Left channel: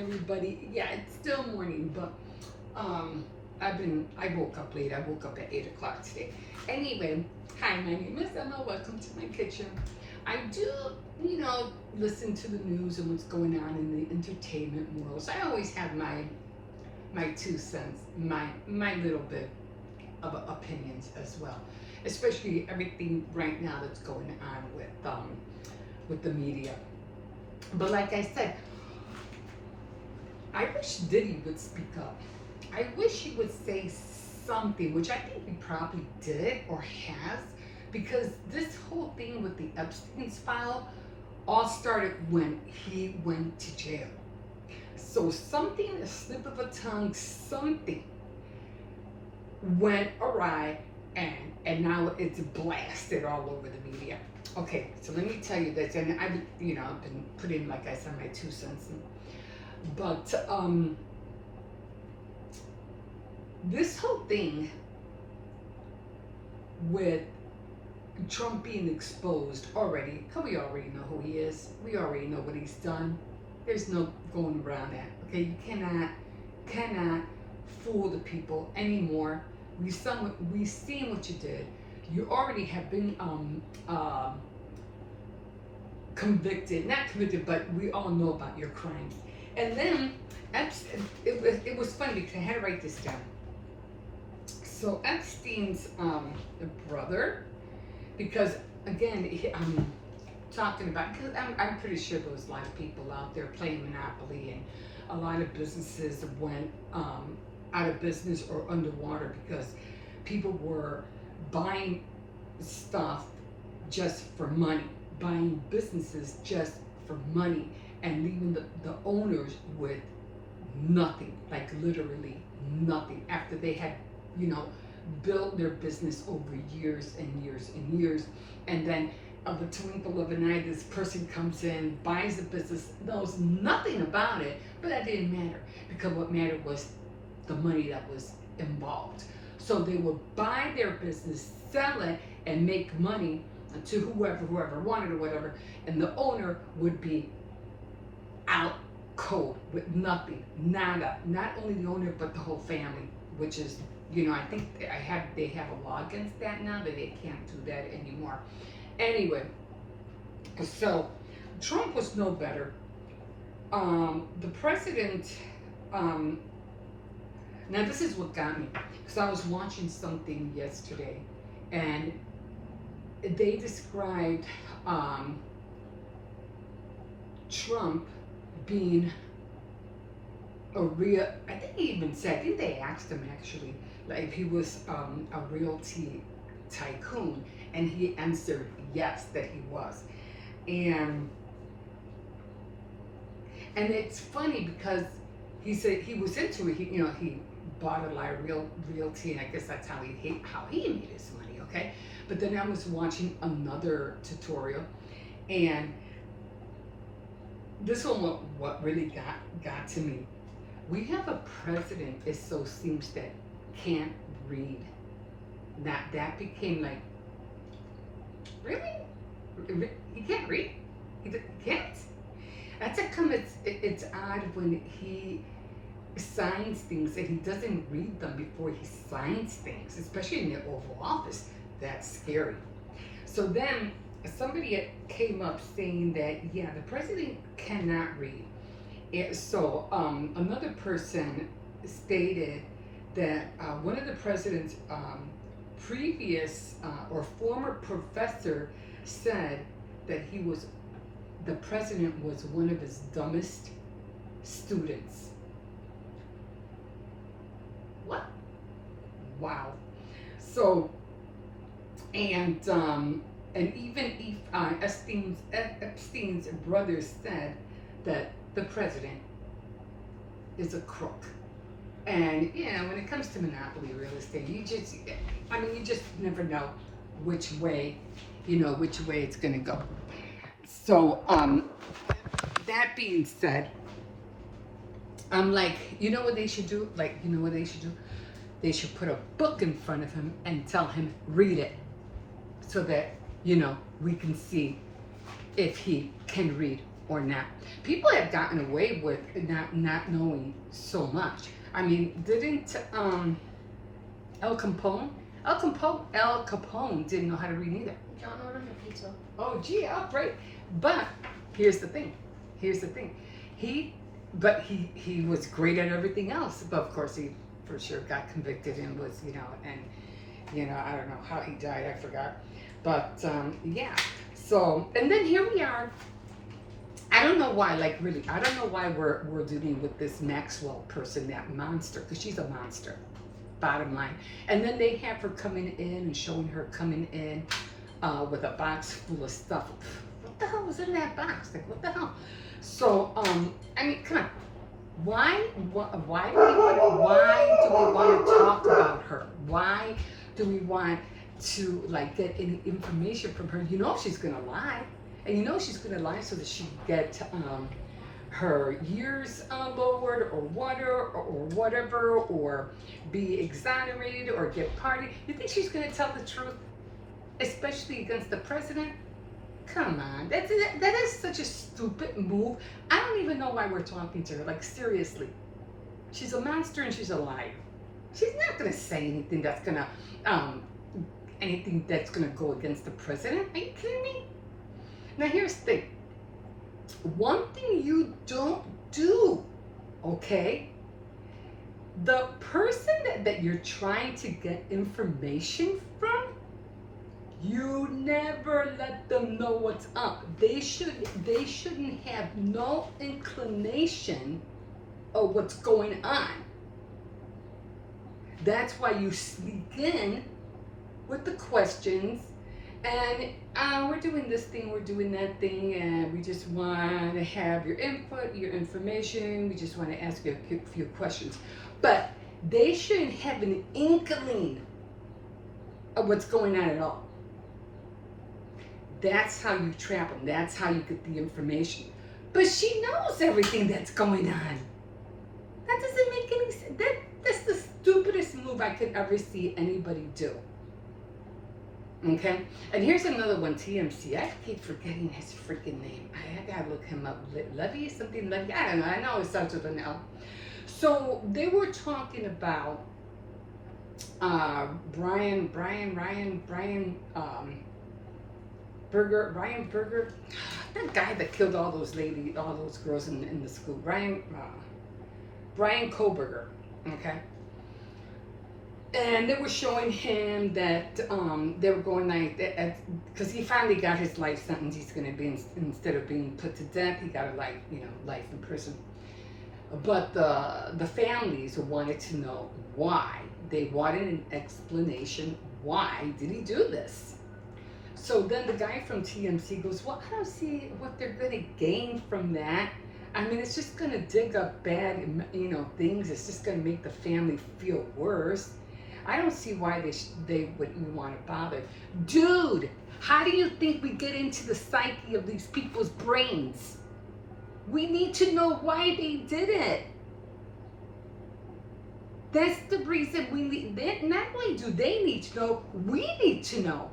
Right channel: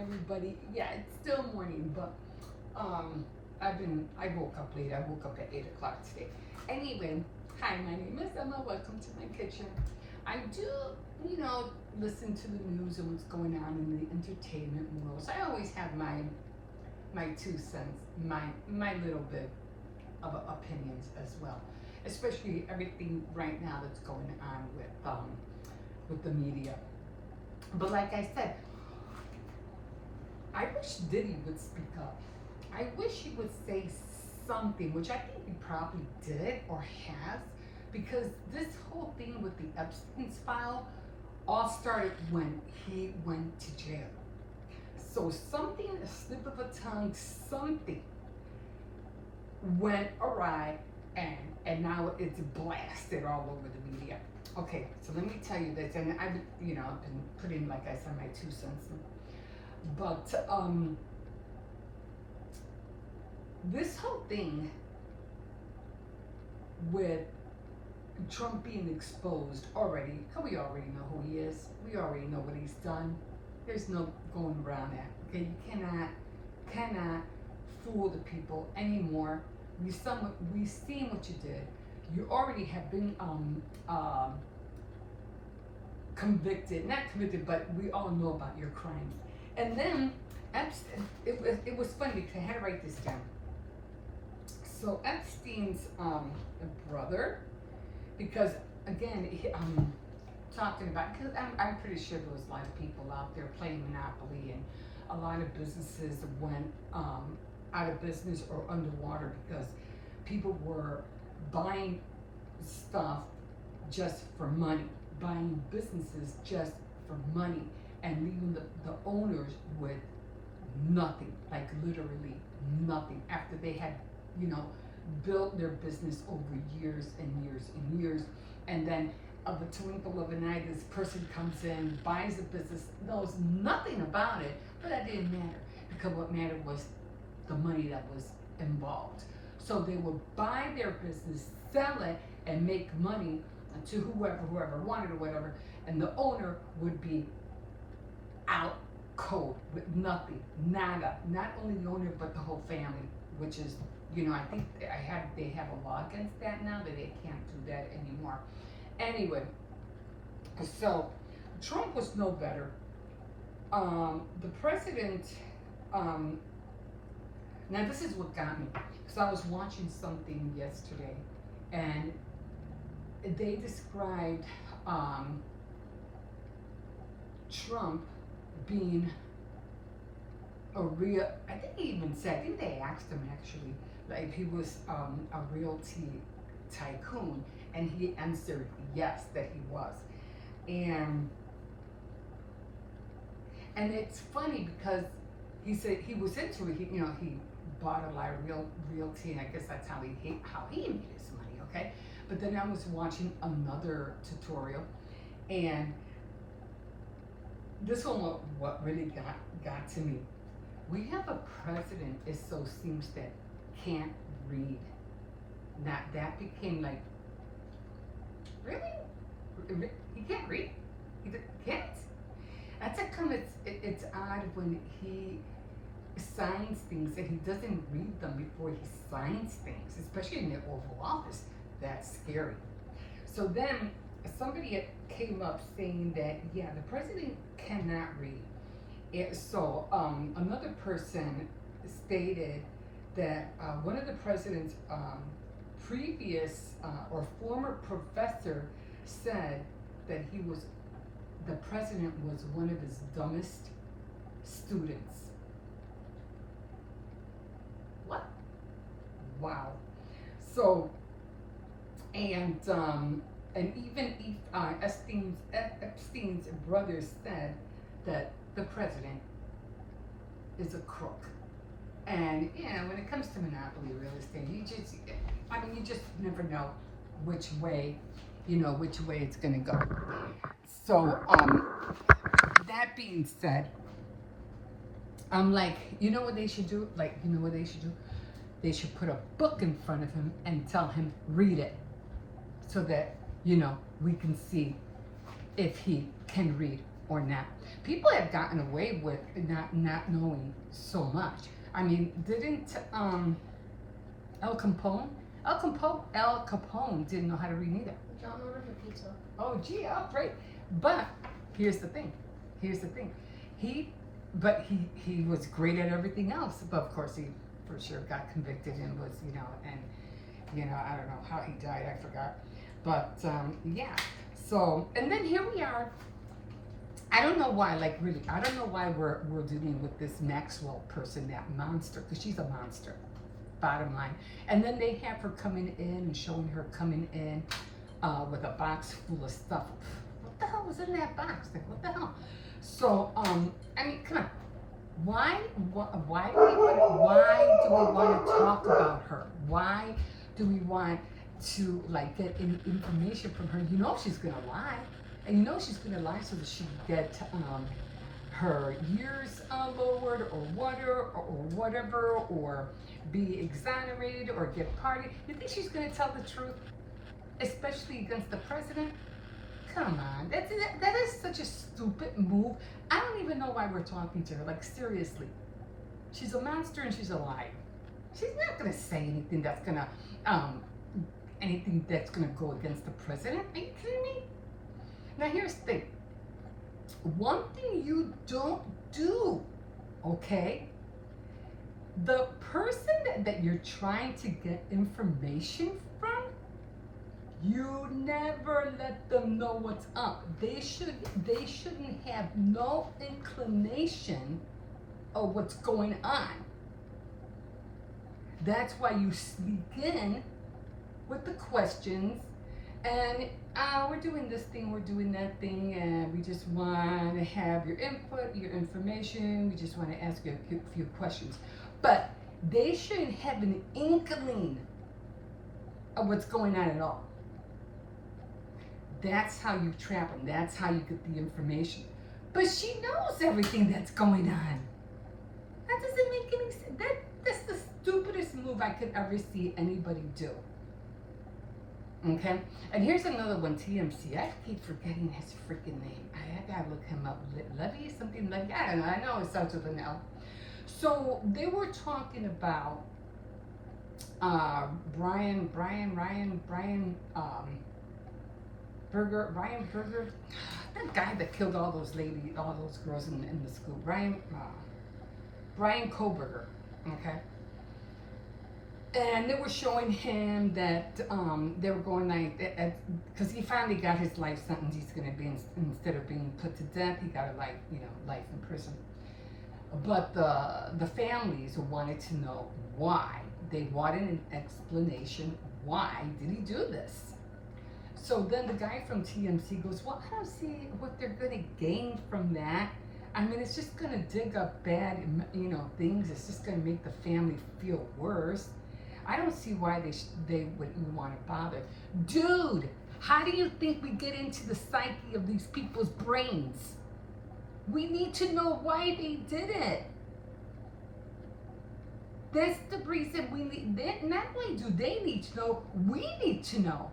everybody. Yeah, it's still morning, but I woke up late. I woke up at 8 o'clock today. Anyway, hi, my name is Emma. Welcome to my kitchen. I do, listen to the news and what's going on in the entertainment world. So I always have my 2 cents, my little bit of opinions as well, especially everything right now that's going on with the media. But like I said, I wish Diddy would speak up. I wish he would say something, which I think he probably did or has, because this whole thing with the Epstein's file all started when he went to jail. So something, a slip of a tongue, something went awry, and now it's blasted all over the media. Okay, so let me tell you this, and I've been putting, like I said, my 2 cents in. But this whole thing with Trump being exposed already, because we already know who he is. We already know what he's done. There's no going around that. Okay, you cannot fool the people anymore. We've seen what you did. You already have been convicted, not convicted, but we all know about your crimes. And then it was funny because I had to write this down. So Epstein's brother, because again, I'm talking about, because I'm pretty sure there was a lot of people out there playing Monopoly, and a lot of businesses went out of business or underwater because people were buying stuff just for money, buying businesses just for money, and leaving the owners with nothing, like literally nothing, after they had, built their business over years and years and years. And then of the twinkle of an eye, this person comes in, buys the business, knows nothing about it, but that didn't matter, because what mattered was the money that was involved. So they would buy their business, sell it, and make money to whoever wanted or whatever, and the owner would be out cold with nothing, nada. Not only the owner, but the whole family, which is, I think they have a law against that now, that they can't do that anymore. Anyway, so Trump was no better. The president, now this is what got me, because I was watching something yesterday, and they described Trump being a real, I think he even said, I think they asked him actually, like, if he was a realty tycoon, and he answered yes, that he was. And it's funny because he said he was into it. He bought a lot of realty, and I guess that's how he made his money. Okay, but then I was watching another tutorial, and this one what really got to me. We have a president, it so seems, that can't read. That became like, really? He can't read? He can't? That's it's odd when he signs things and he doesn't read them before he signs things, especially in the Oval Office. That's scary. So then somebody came up saying that, yeah, the president cannot read. And so another person stated that one of the president's previous or former professor said that the president was one of his dumbest students. What? Wow. So, and even Epstein's brother said that the president is a crook. And when it comes to monopoly real estate, you just never know which way it's gonna go. So that being said, I'm like, you know what they should do? They should put a book in front of him and tell him, read it, so that we can see if he can read or not. people have gotten away with not knowing so much. I mean, didn't El Capone? El Capone didn't know how to read either. Yo no me repito. Oh, gee, right. But here's the thing. Here's the thing. He was great at everything else. But of course, he for sure got convicted and was, I don't know how he died. I forgot. But yeah. So, and then here we are. I don't know why, like really, I don't know why we're dealing with this Maxwell person, that monster, because she's a monster. Bottom line. And then they have her coming in and showing her coming in with a box full of stuff. What the hell was in that box? Like, what the hell? So, I mean, come on. Why do we want to talk about her? Why do we want to like get any information from her? You know she's gonna lie, and you know she's gonna lie so that she get her years lowered or whatever, or be exonerated or get pardoned. You think she's gonna tell the truth, especially against the president? Come on, that is such a stupid move. I don't even know why we're talking to her. Like, seriously, she's a monster and she's a liar. She's not gonna say anything that's gonna go against the president. Are you kidding me? Now here's the thing. One thing you don't do, okay? The person that you're trying to get information from, you never let them know what's up. They shouldn't have no inclination of what's going on. That's why you sneak in with the questions and we're doing this thing, we're doing that thing, and we just want to have your input, your information. We just want to ask you a few questions. But they shouldn't have an inkling of what's going on at all. That's how you trap them. That's how you get the information. But she knows everything that's going on. That doesn't make any sense. That's the stupidest move I could ever see anybody do. Okay? And here's another one, TMC. I keep forgetting his freaking name. I gotta look him up. Levy, something like that. I don't know. I know it starts with an L. So they were talking about Ryan Berger, that guy that killed all those girls in the school, Brian Koberger, okay? And they were showing him that they were going like, because he finally got his life sentence. He's going to be, instead of being put to death, he got a life in prison. But the families wanted to know why. They wanted an explanation. Why did he do this? So then the guy from TMC goes, well, I don't see what they're going to gain from that. I mean, it's just going to dig up bad, things. It's just going to make the family feel worse. I don't see why they would even want to bother. Dude, how do you think we get into the psyche of these people's brains? We need to know why they did it. That's the reason we need, not only do they need to know, we need to know.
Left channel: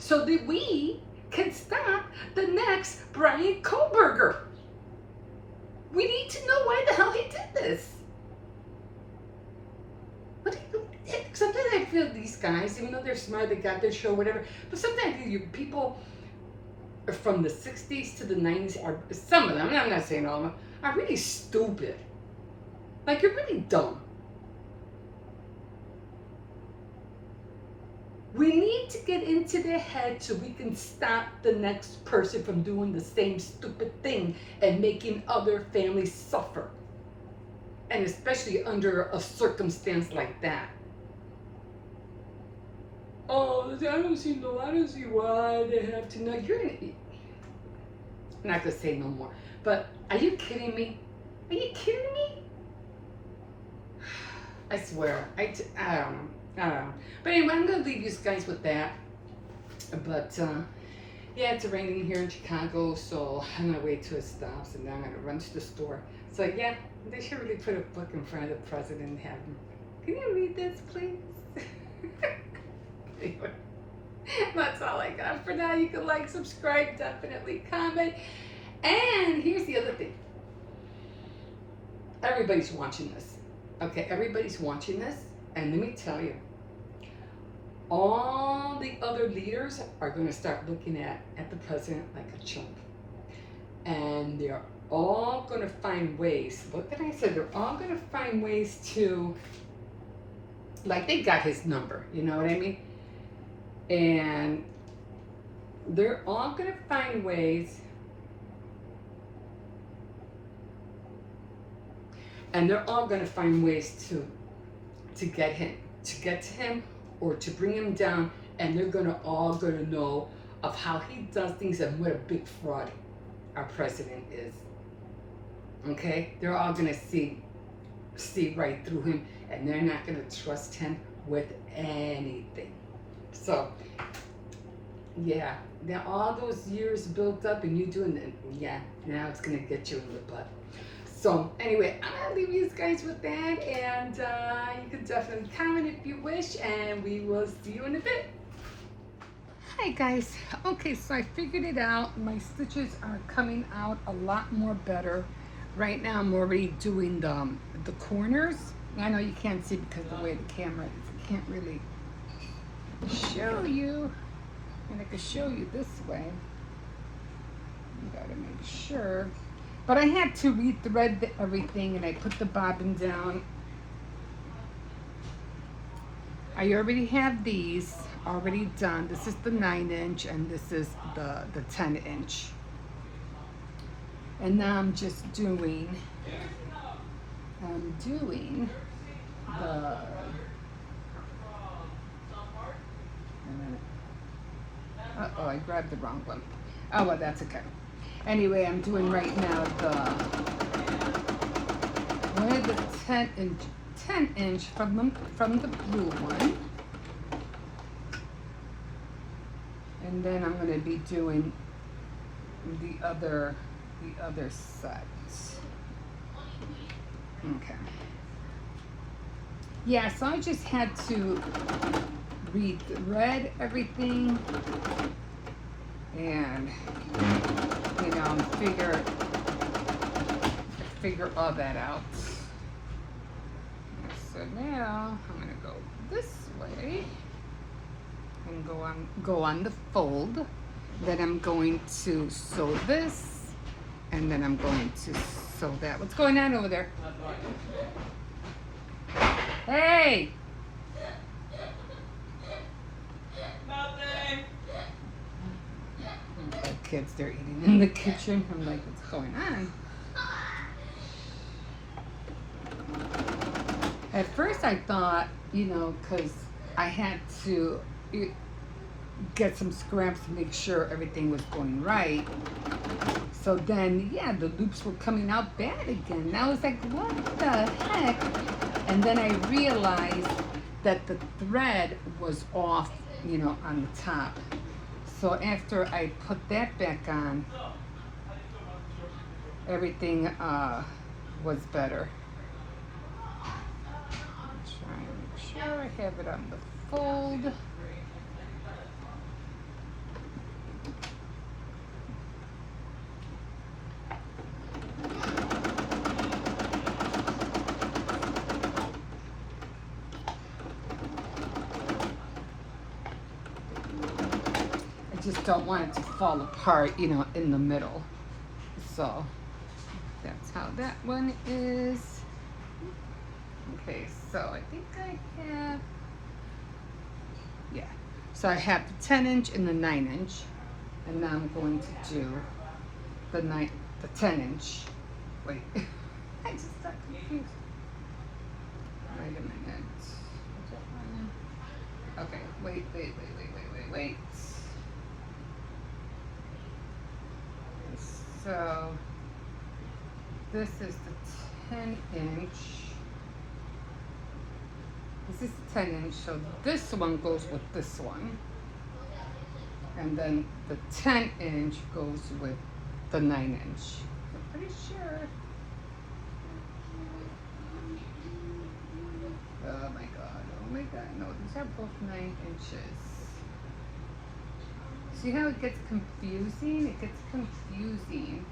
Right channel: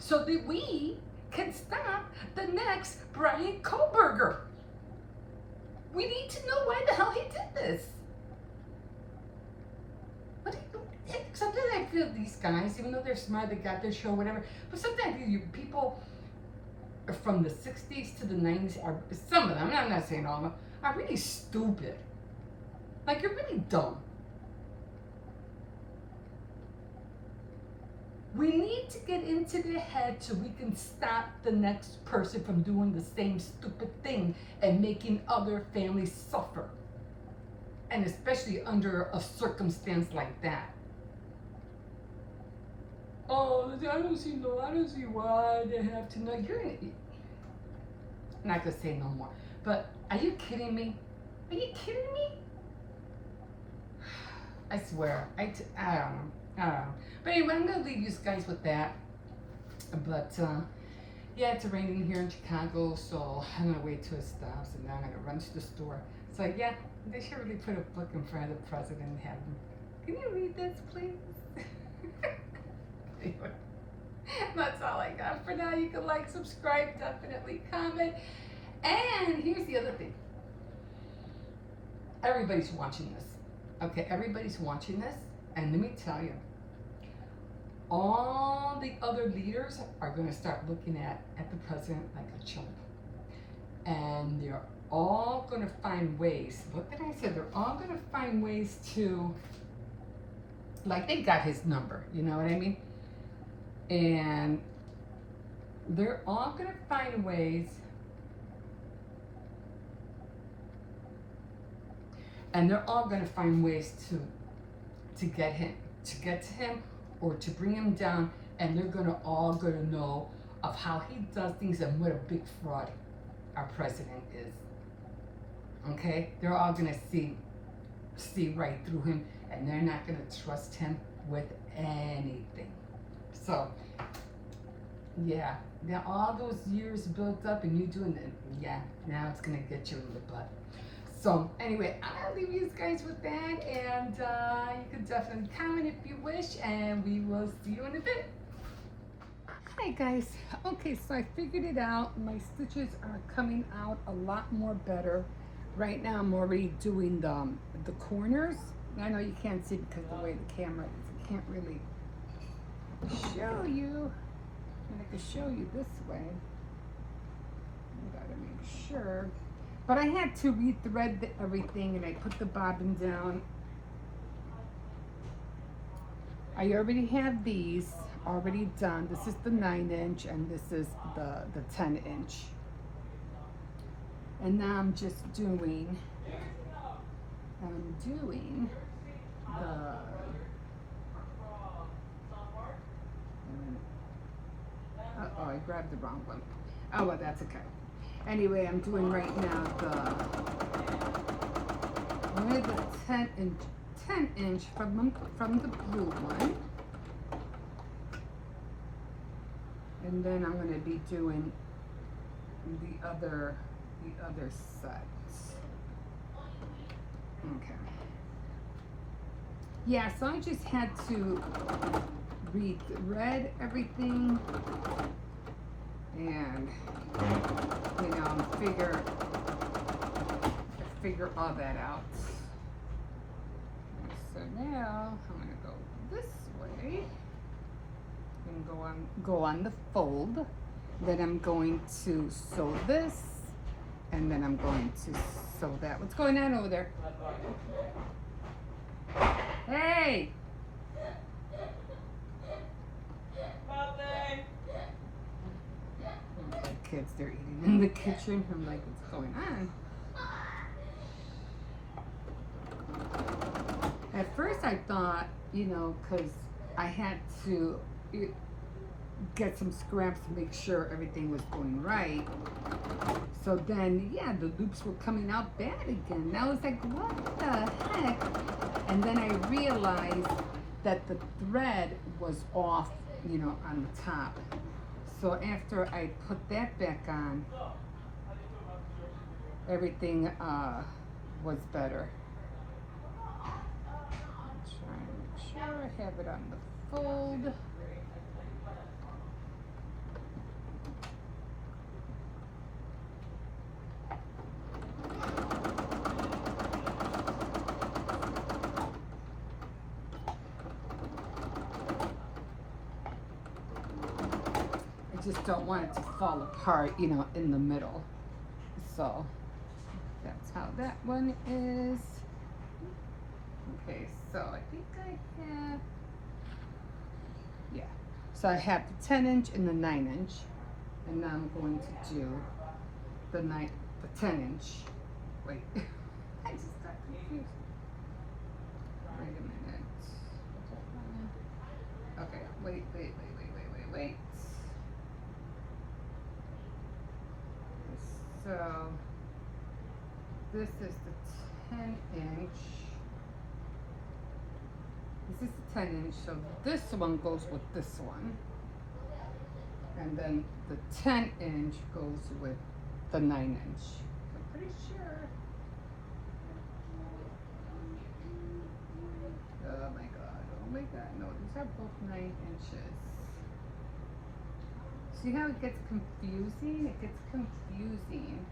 So that we can stop the next Brian Koberger. We need to know why the hell he did this. Sometimes I feel these guys, even though they're smart, they got their show, whatever, but sometimes people from the 60s to the 90s are, some of them, I'm not saying all of them, are really stupid. Like, you're really dumb. We need to get into their head so we can stop the next person from doing the same stupid thing and making other families suffer. And especially under a circumstance like that. Oh, I don't see why they have to know. I'm not gonna say no more. But are you kidding me? Are you kidding me? I swear. I don't know. But anyway, I'm gonna leave you guys with that. But yeah, it's raining here in Chicago, so I'm gonna wait till it stops, and then I'm gonna run to the store. So yeah, they should really put a book in front of the president and have him. Can you read this, please? Anyway, that's all I got for now. You can like, subscribe, definitely comment. And here's the other thing. everybody's watching this. Okay, everybody's watching this, and let me tell you, all the other leaders are going to start looking at the president like a chump, and they're all going to find ways. What did I say? They're all going to find ways to, like, they got his number. You know what I mean? And they're all going to find ways. And they're all going to find ways to get to him, or to bring him down. And they're all going to know of how he does things and what a big fraud our president is. Okay, they're all going to see right through him, and they're not going to trust him with anything. So, yeah, now all those years built up, and you doing it, yeah, now it's going to get you in the butt. So anyway, I'm going to leave you guys with that, and you can definitely comment if you wish, and we will see you in a bit. Hi guys. Okay, so I figured it out. My stitches are coming out a lot more better. Right now I'm already doing the corners. I know you can't see because of the way the camera is. I can't really show you. And I can show you this way. You gotta make sure. But I had to re-thread everything, and I put the bobbin down. I already have these already done. This is the 9-inch, and this is the 10-inch. And now I'm just doing the uh-oh, I grabbed the wrong one. Oh, well, that's okay. Anyway, I'm doing right now one of the 10-inch from the blue one, and then I'm going to be doing the other sides. Okay. Yeah, so I just had to re-thread everything and figure all that out. So now I'm gonna go this way and go on the fold. Then I'm going to sew this, and then I'm going to sew that. What's going on over there? Hey! Kids, they're eating in the kitchen. I'm like, what's going on? At first I thought, because I had to get some scraps to make sure everything was going right. So then, yeah, the loops were coming out bad again. And I was like, what the heck? And then I realized that the thread was off, on the top. So after I put that back on, everything was better. Try and make sure I have it on the fold. Don't want it to fall apart, in the middle. So that's how that one is. Okay, so I think I have, yeah. So I have the 10-inch and the 9-inch, and now I'm going to do the 10-inch. Wait, I just got confused. Wait a minute. Okay, wait. So this is the 10-inch. This is 10-inch, so this one goes with this one. And then the 10-inch goes with the 9-inch. I'm pretty sure. Oh my god, no, these are both 9 inches. See how it gets confusing? It gets confusing.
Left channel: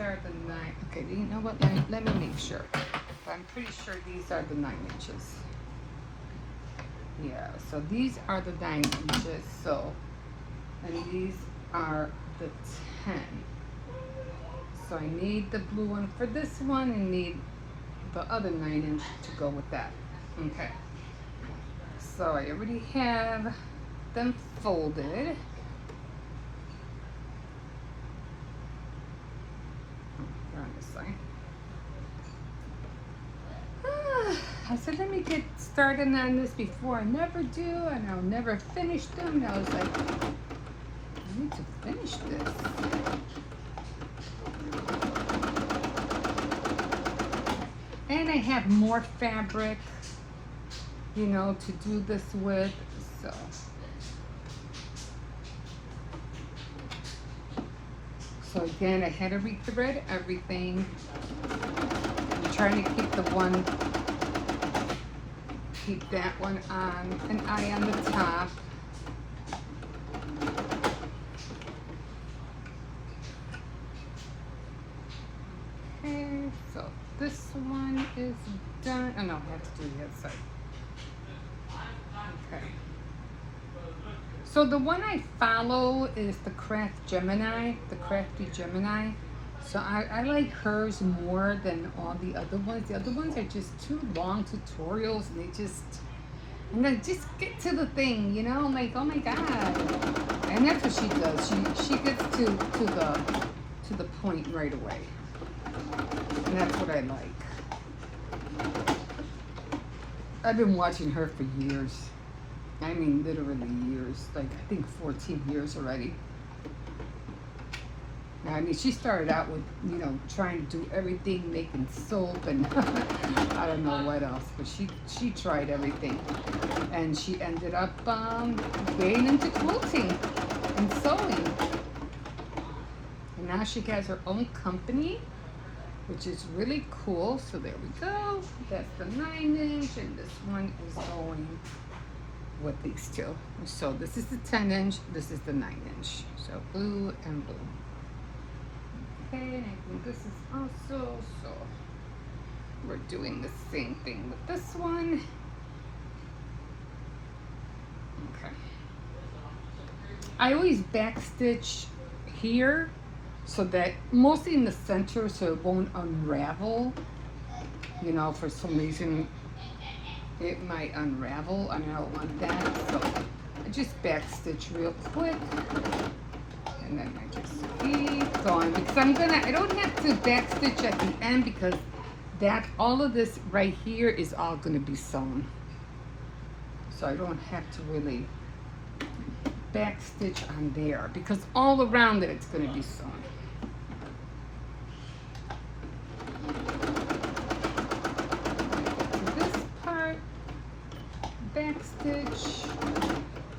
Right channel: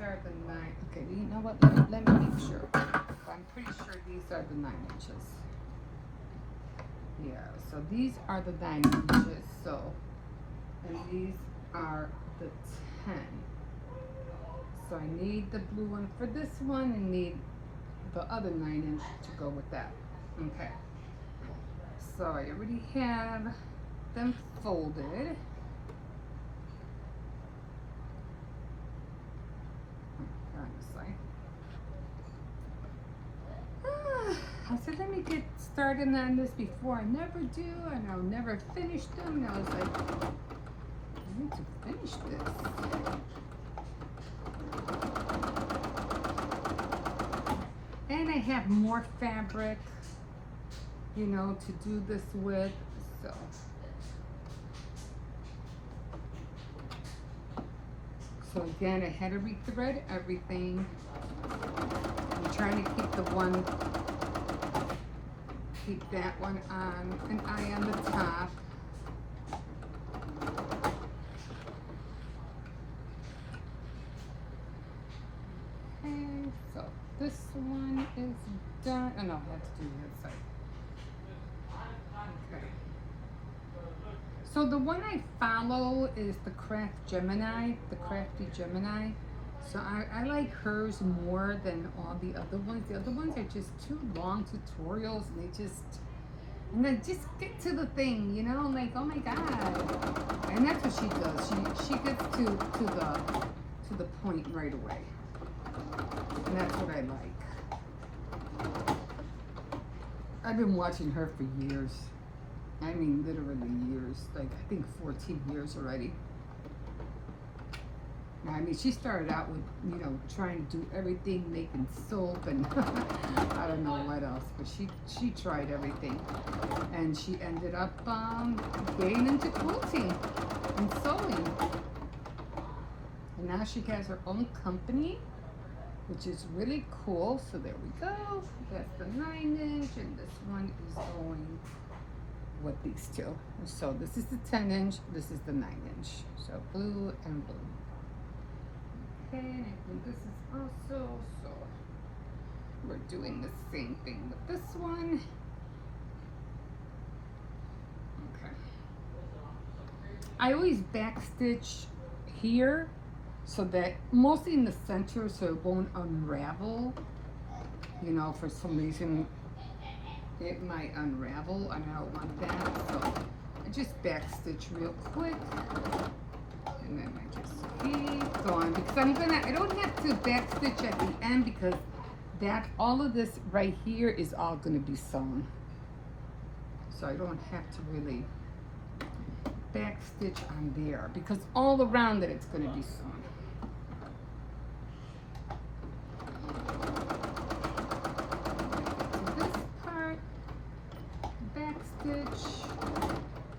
are the 9. Okay, you know what? Let me make sure. I'm pretty sure these are the 9 inches. Yeah, so these are the 9 inches. So, and these are the 10. So I need the blue one for this one and need the other 9 inch to go with that. Okay. So I already have them folded. On this side. I said, let me get started on this before I never do, and I'll never finish them. And I was like, I need to finish this. And I have more fabric, you know, to do this with, so. So again, I had to rethread everything. I'm trying to keep that one on, an eye on the top. Okay, so this one is done. Oh no, I have to do the other side. Okay. So the one I follow is the Crafty Gemini. So I like hers more than all the other ones. The other ones are just too long tutorials, and they just get to the thing, you know? I'm like, oh my god. And that's what she does. She gets to the point right away. And that's what I like. I've been watching her for years. I mean, literally years. Like, I think 14 years already. I mean, she started out with, you know, trying to do everything, making soap and I don't know what else, but she tried everything. And she ended up getting into quilting and sewing. And now she has her own company, which is really cool. So there we go. That's the 9 inch, and this one is going with these two. So this is the 10 inch, this is the 9 inch. So blue and blue. Okay, and this is also, so we're doing the same thing with this one. Okay. I always backstitch here so that mostly in the center so it won't unravel. You know, for some reason it might unravel and I don't want that. So I just backstitch real quick. And then I just keep going because I don't have to backstitch at the end because all of this right here is all going to be sewn. So I don't have to really backstitch on there because all around it it's going to be sewn. So this part, backstitch,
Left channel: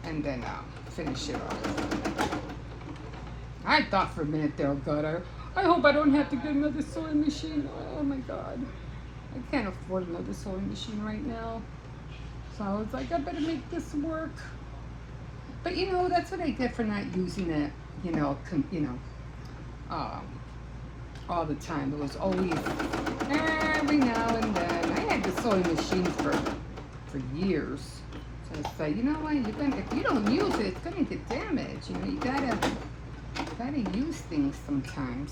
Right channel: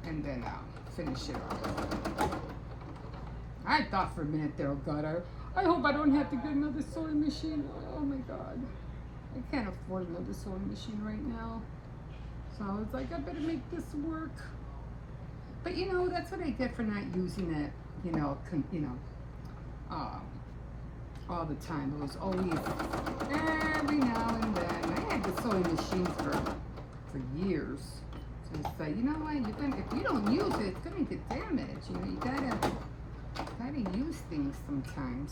and then I'll finish it off. I thought for a minute they were good. I hope I don't have to get another sewing machine. Oh my god. I can't afford another sewing machine right now. So I was like, I better make this work. But you know, that's what I get for not using it, you know, all the time. It was always every now and then. I had the sewing machine for years. So I say, you know what, if you don't use it, it's gonna get damaged. You know, you gotta use things sometimes.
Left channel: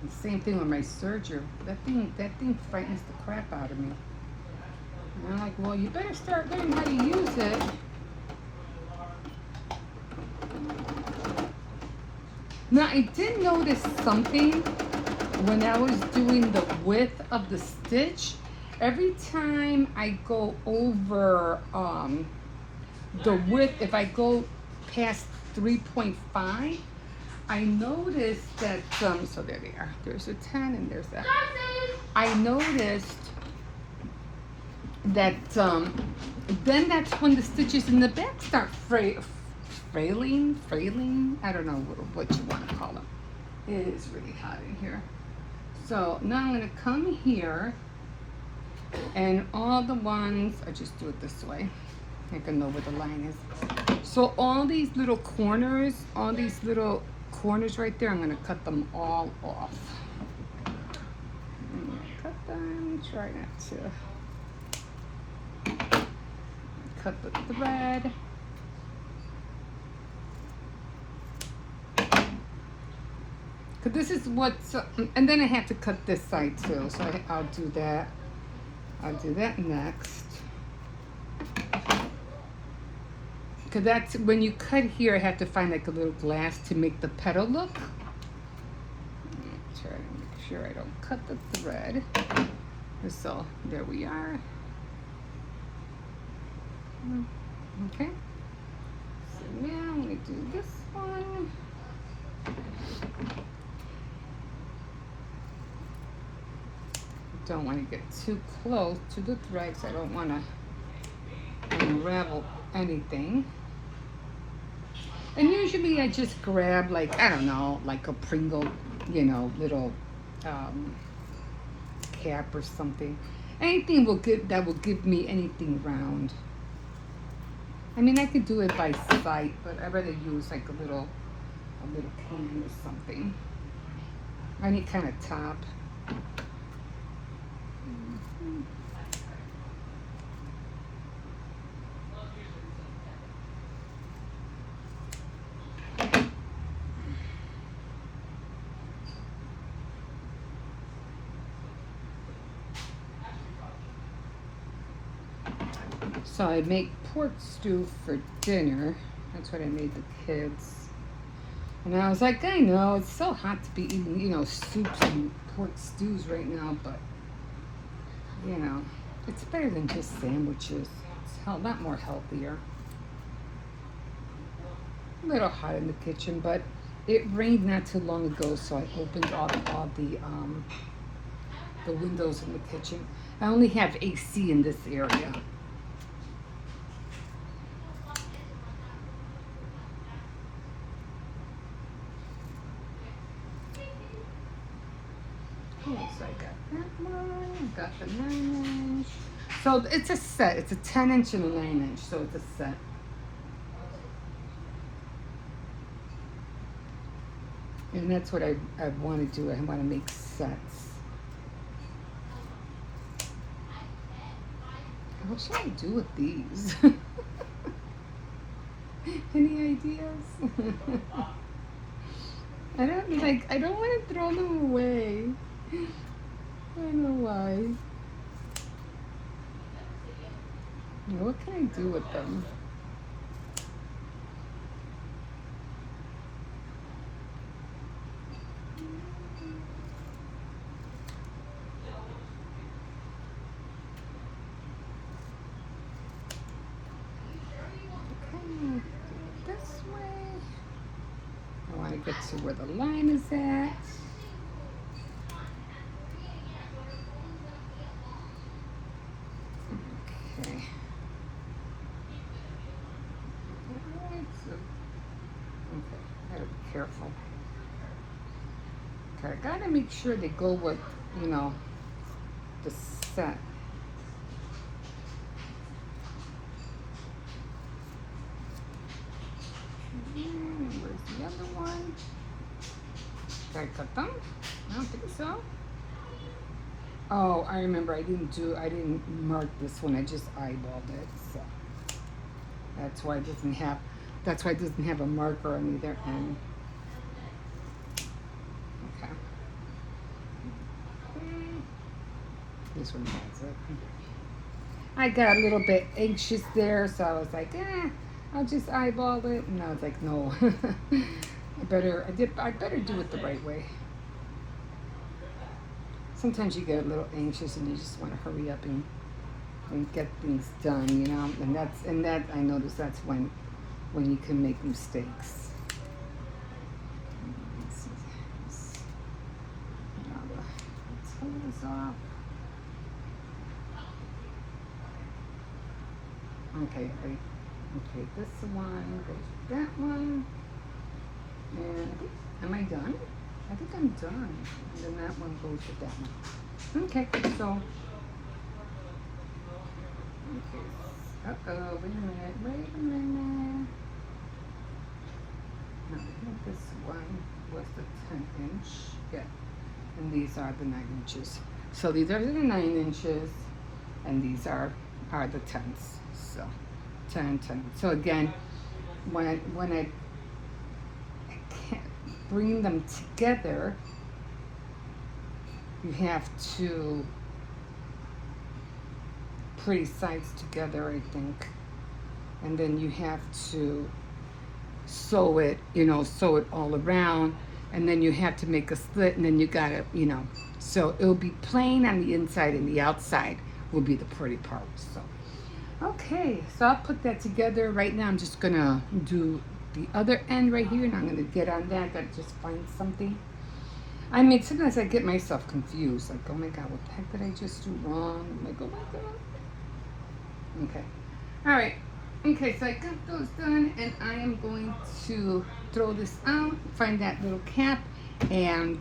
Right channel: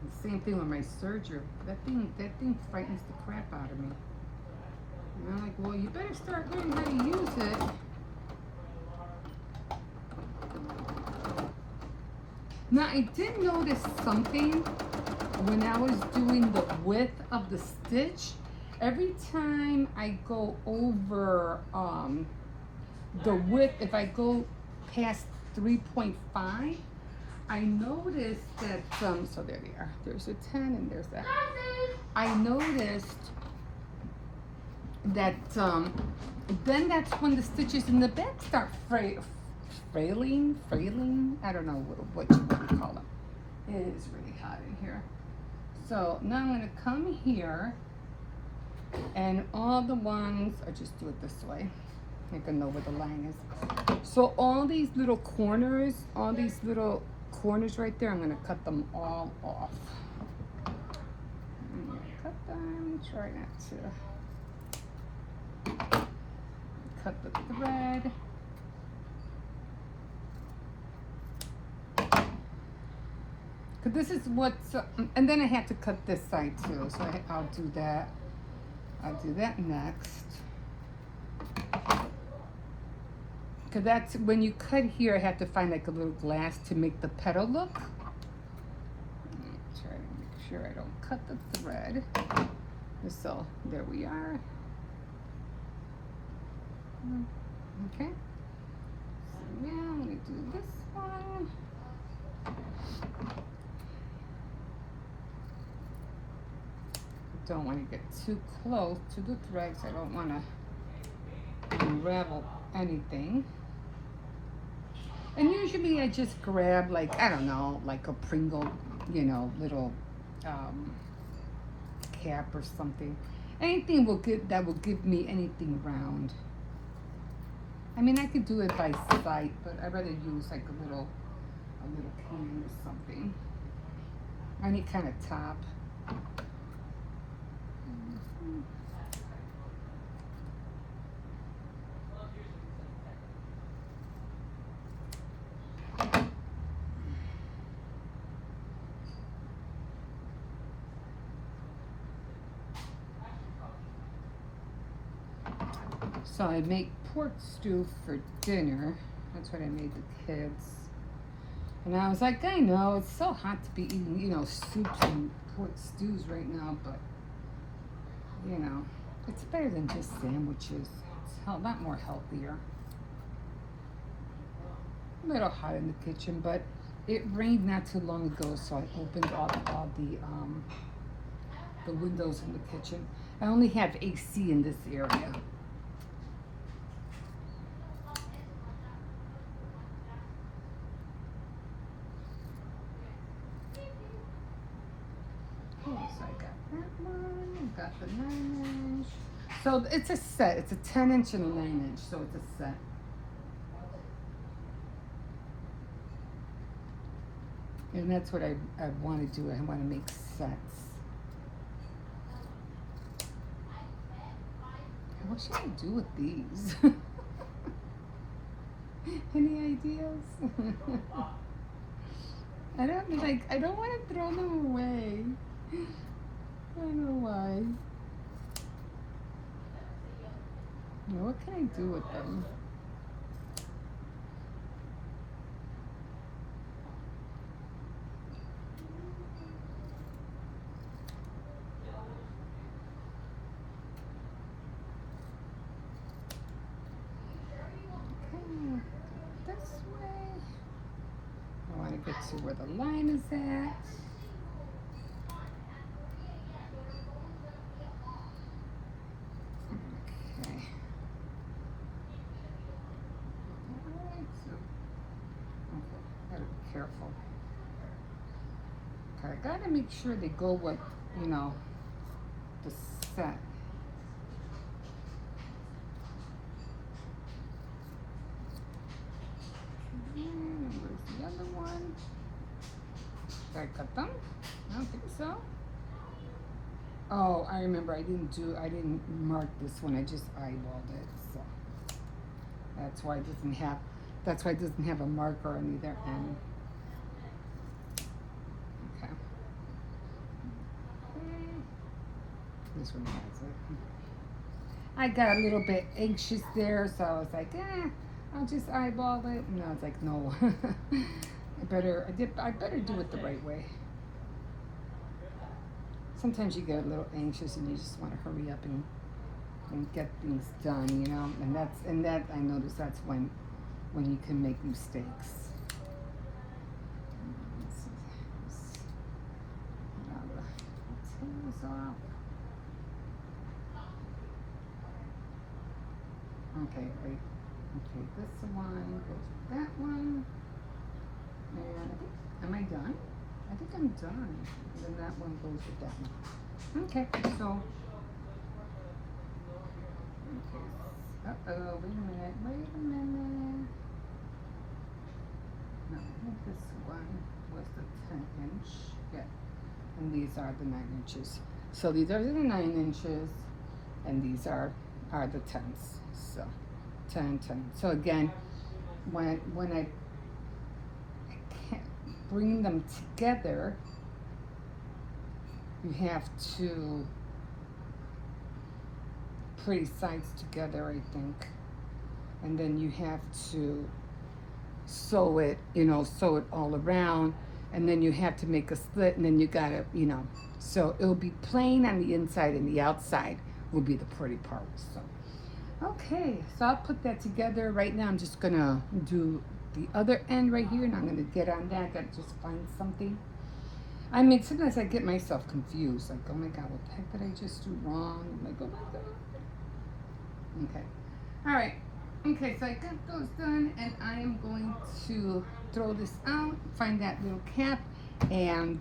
And same thing with my serger. That thing frightens the crap out of me. And I'm like, well, you better start learning how to use it. Now I did notice something when I was doing the width of the stitch. Every time I go over the width, if I go past 3.5, I noticed that, so there they are. There's a 10 and there's that. I noticed that then that's when the stitches in the back start frailing. I don't know what you want to call them. It is really hot in here. So now I'm going to come here, and all the ones, I just do it this way. I can know where the line is. So all these little corners, all these little corners right there, I'm going to cut them all off. I'm going to cut them, try not to cut the thread. Cause this is what's, and then I have to cut this side too, so I'll do that. I'll do that next. Cause that's, when you cut here, I have to find like a little glass to make the petal look. Try to make sure I don't cut the thread. So, there we are. Okay. So now I'm gonna do this one. Don't want to get too close to the threads. I don't want to unravel anything. And usually I just grab, like, I don't know, like a Pringle, you know, little cap or something. Anything that will give me anything round. I mean, I could do it by sight, but I'd rather use like a little cane or something. Any kind of top. So I make pork stew for dinner. That's what I made the kids. And I was like, I know, it's so hot to be eating, you know, soups and pork stews right now, but, you know, it's better than just sandwiches. It's a lot more healthier. A little hot in the kitchen, but it rained not too long ago, so I opened up all the windows in the kitchen. I only have AC in this area. Got the 9-inch. So it's a set. It's a 10-inch and a 9-inch. So it's a set. And that's what I want to do. I want to make sets. What should I do with these? Any ideas? I don't want to throw them away. I don't know why. What can I do with them? Okay, this way. I want to get to where the line is at. Careful. Okay, I gotta make sure they go with, you know, the set. Where's the other one? Did I cut them? I don't think so. Oh, I remember I didn't mark this one. I just eyeballed it, so that's why it doesn't have a marker on either end. This one has it. I got a little bit anxious there, so I was like, I'll just eyeball it. And I was like, no, I better do it the right way. Sometimes you get a little anxious and you just want to hurry up and get things done, you know. And that I noticed that's when you can make mistakes. Let's see. Now the tail is off. Okay, ready? Okay, this one goes with that one. And am I done? I think I'm done. And then that one goes with that one. Okay, so. Okay. Uh-oh, wait a minute. No, I think this one. Yeah. And these are the 9 inches. So these are the 9 inches, and these are the 10s. So 10 and 10. So again, when I can't bring them together, you have to pretty sides together, I think, and then you have to sew it, sew it all around, and then you have to make a slit, and then you gotta, so it'll be plain on the inside, and the outside will be the pretty part. So okay, so I'll put that together. Right now I'm just gonna do the other end right here, and I'm gonna get on that. I gotta just find something. I mean, sometimes I get myself confused, like, oh my god, what the heck did I just do wrong? I'm like, oh my god. Okay, all right. Okay, so I got those done, and I am going to throw this out, find that little cap, and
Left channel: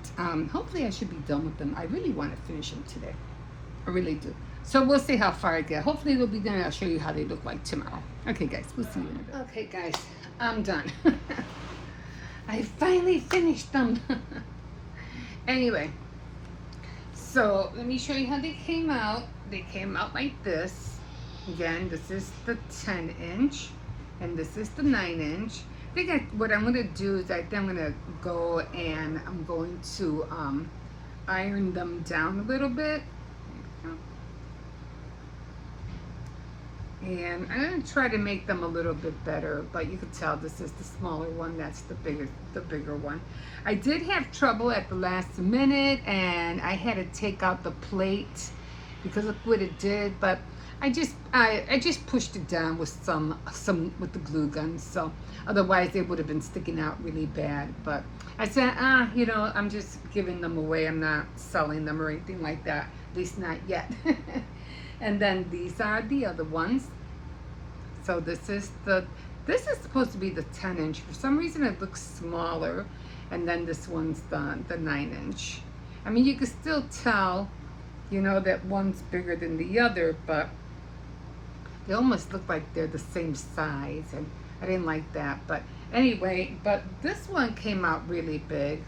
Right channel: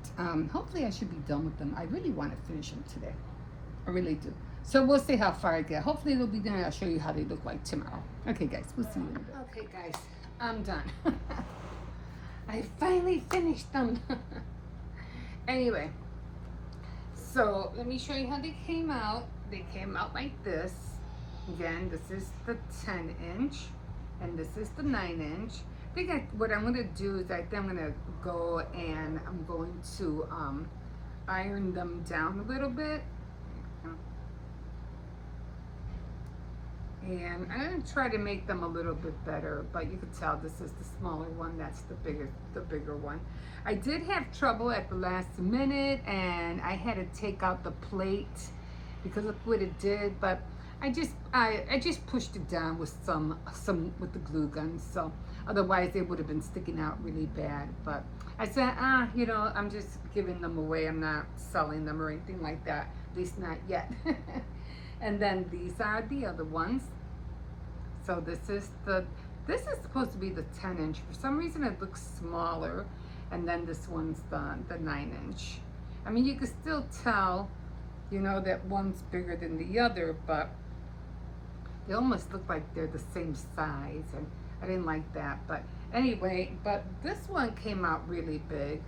hopefully I should be done with them. I really want to finish them today. I really do. So we'll see how far I get. Hopefully they'll be done. I'll show you how they look like tomorrow. Okay, guys, we'll see you. Okay, guys, I'm done. I finally finished them. Anyway, so let me show you how they came out. They came out like this. Again, this is the 10-inch, and this is the 9-inch. I think what I'm going to do is I think I'm going to go and I'm going to iron them down a little bit. And I'm going to try to make them a little bit better, but you can tell this is the smaller one, that's the bigger one. I did have trouble at the last minute, and I had to take out the plate because look what it did, but I just pushed it down with some with the glue gun, so otherwise they would have been sticking out really bad. But I said, I'm just giving them away. I'm not selling them or anything like that, at least not yet. And then these are the other ones. So this is supposed to be the 10-inch. For some reason it looks smaller, and then this one's the 9-inch. I mean, you can still tell, that one's bigger than the other, but they almost look like they're the same size, and I didn't like that. But anyway, but this one came out really big.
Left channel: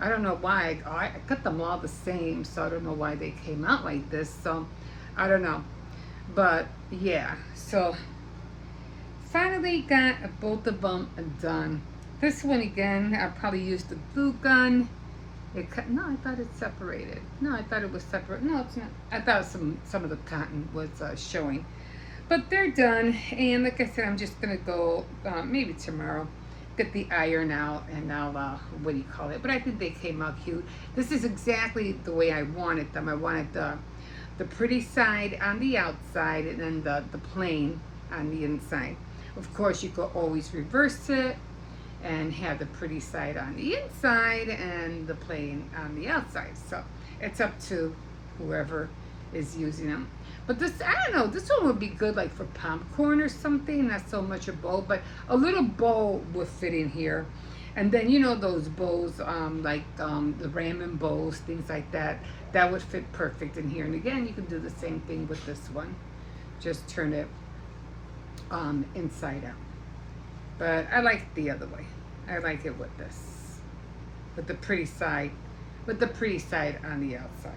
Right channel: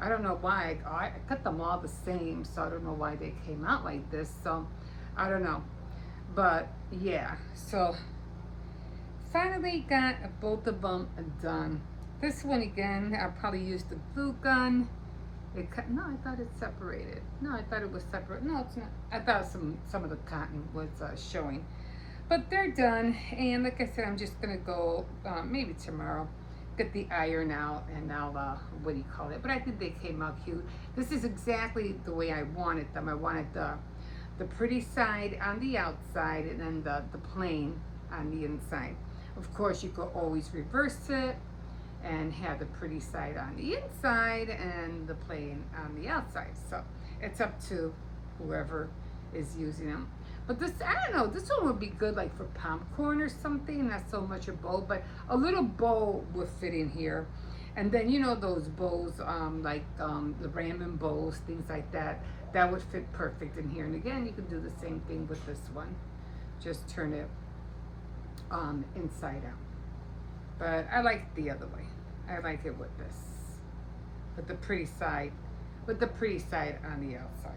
I don't know why. I cut them all the same, so I don't know why they came out like this. So I don't know. But yeah, so finally got both of them done. This one again, I probably used the glue gun. No, I thought it separated. No, I thought it was separate. No, it's not. I thought some of the cotton was showing. But they're done, and like I said, I'm just gonna go maybe tomorrow, get the iron out, and I'll what do you call it? But I think they came out cute. This is exactly the way I wanted them. I wanted the pretty side on the outside, and then the plain on the inside. Of course, you could always reverse it and have the pretty side on the inside and the plain on the outside. So it's up to whoever is using them. But this, I don't know, this one would be good like for popcorn or something, not so much a bowl, but a little bowl would fit in here. And then, those bowls, like the ramen bowls, things like that, that would fit perfect in here. And again, you can do the same thing with this one. Just turn it inside out. But I like it the other way. I like it with this, with the pretty side on the outside.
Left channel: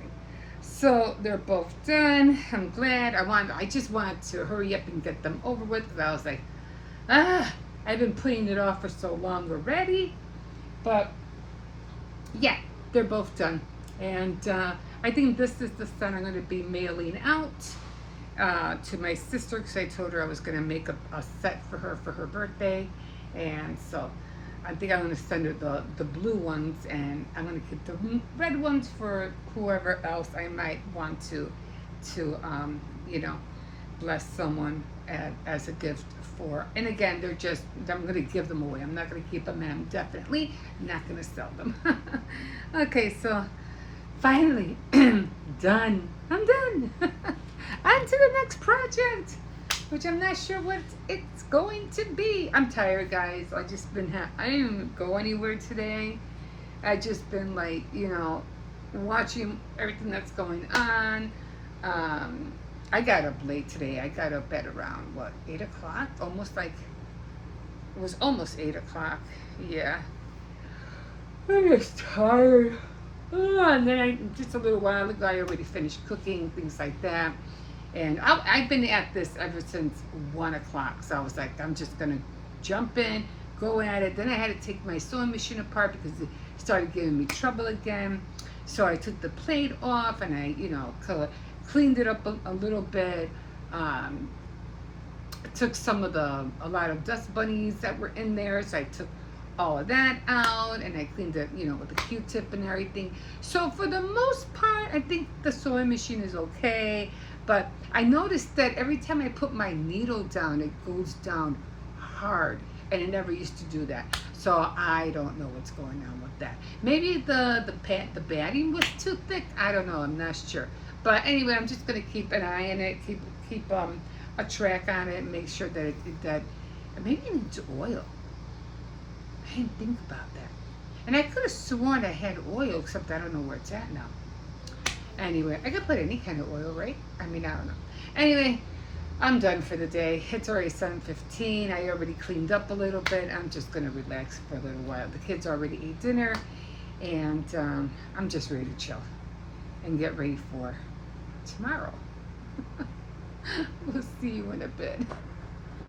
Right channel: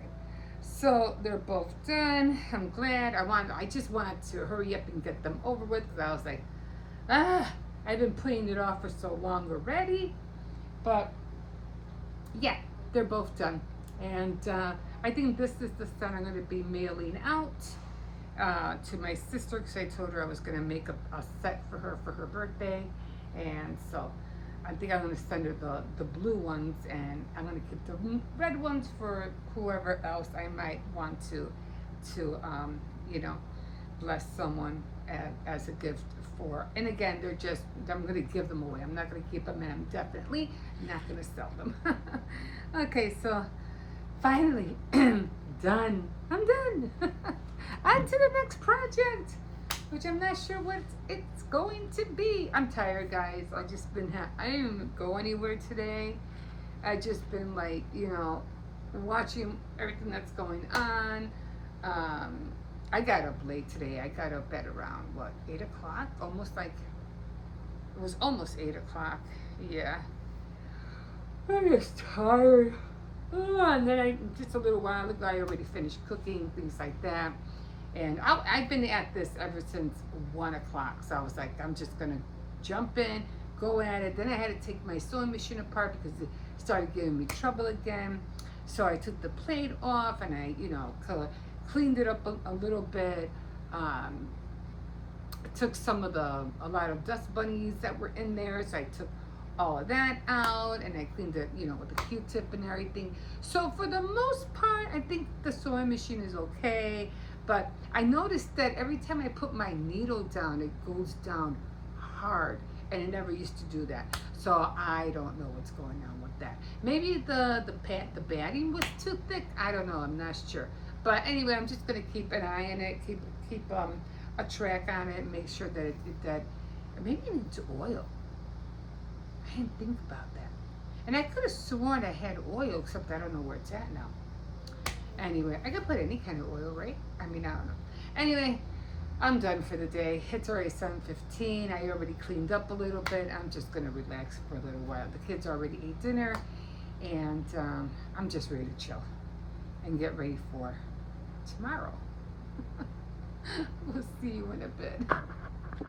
So they're both done. I'm glad. I just wanted to hurry up and get them over with, because I was like, I've been putting it off for so long already. But yeah, they're both done. And I think this is the set I'm going to be mailing out to my sister, because I told her I was going to make a set for her birthday. And so I think I'm going to send her the blue ones, and I'm going to keep the red ones for whoever else I might want to bless someone as a gift for. And again, I'm going to give them away. I'm not going to keep them, and I'm definitely not going to sell them. Okay, so finally done. I'm done. On to the next project, which I'm not sure what it's going to be. I'm tired, guys. I didn't go anywhere today. I just been like, watching everything that's going on. I got up late today. I got up at around 8 o'clock? It was almost 8 o'clock. Yeah. I'm just tired. And then just a little while ago, I already finished cooking, things like that. And I've been at this ever since 1 o'clock. So I was like, I'm just gonna jump in, go at it. Then I had to take my sewing machine apart because it started giving me trouble again. So I took the plate off and I, cleaned it up a little bit. Um, took a lot of dust bunnies that were in there, so I took all of that out and I cleaned it, with the Q-tip and everything. So for the most part, I think the sewing machine is okay. But I noticed that every time I put my needle down, it goes down hard, and it never used to do that. So I don't know what's going on with that. Maybe the batting was too thick. I don't know. I'm not sure. But anyway, I'm just gonna keep an eye on it. Keep a track on it and make sure that maybe it needs oil. I didn't think about that. And I could have sworn I had oil, except I don't know where it's at now. Anyway, I could put any kind of oil, right? I mean, I don't know. Anyway, I'm done for the day. It's already 7:15. I already cleaned up a little bit. I'm just going to relax for a little while. The kids already ate dinner, and I'm just ready to chill and get ready for tomorrow. We'll see you in a bit.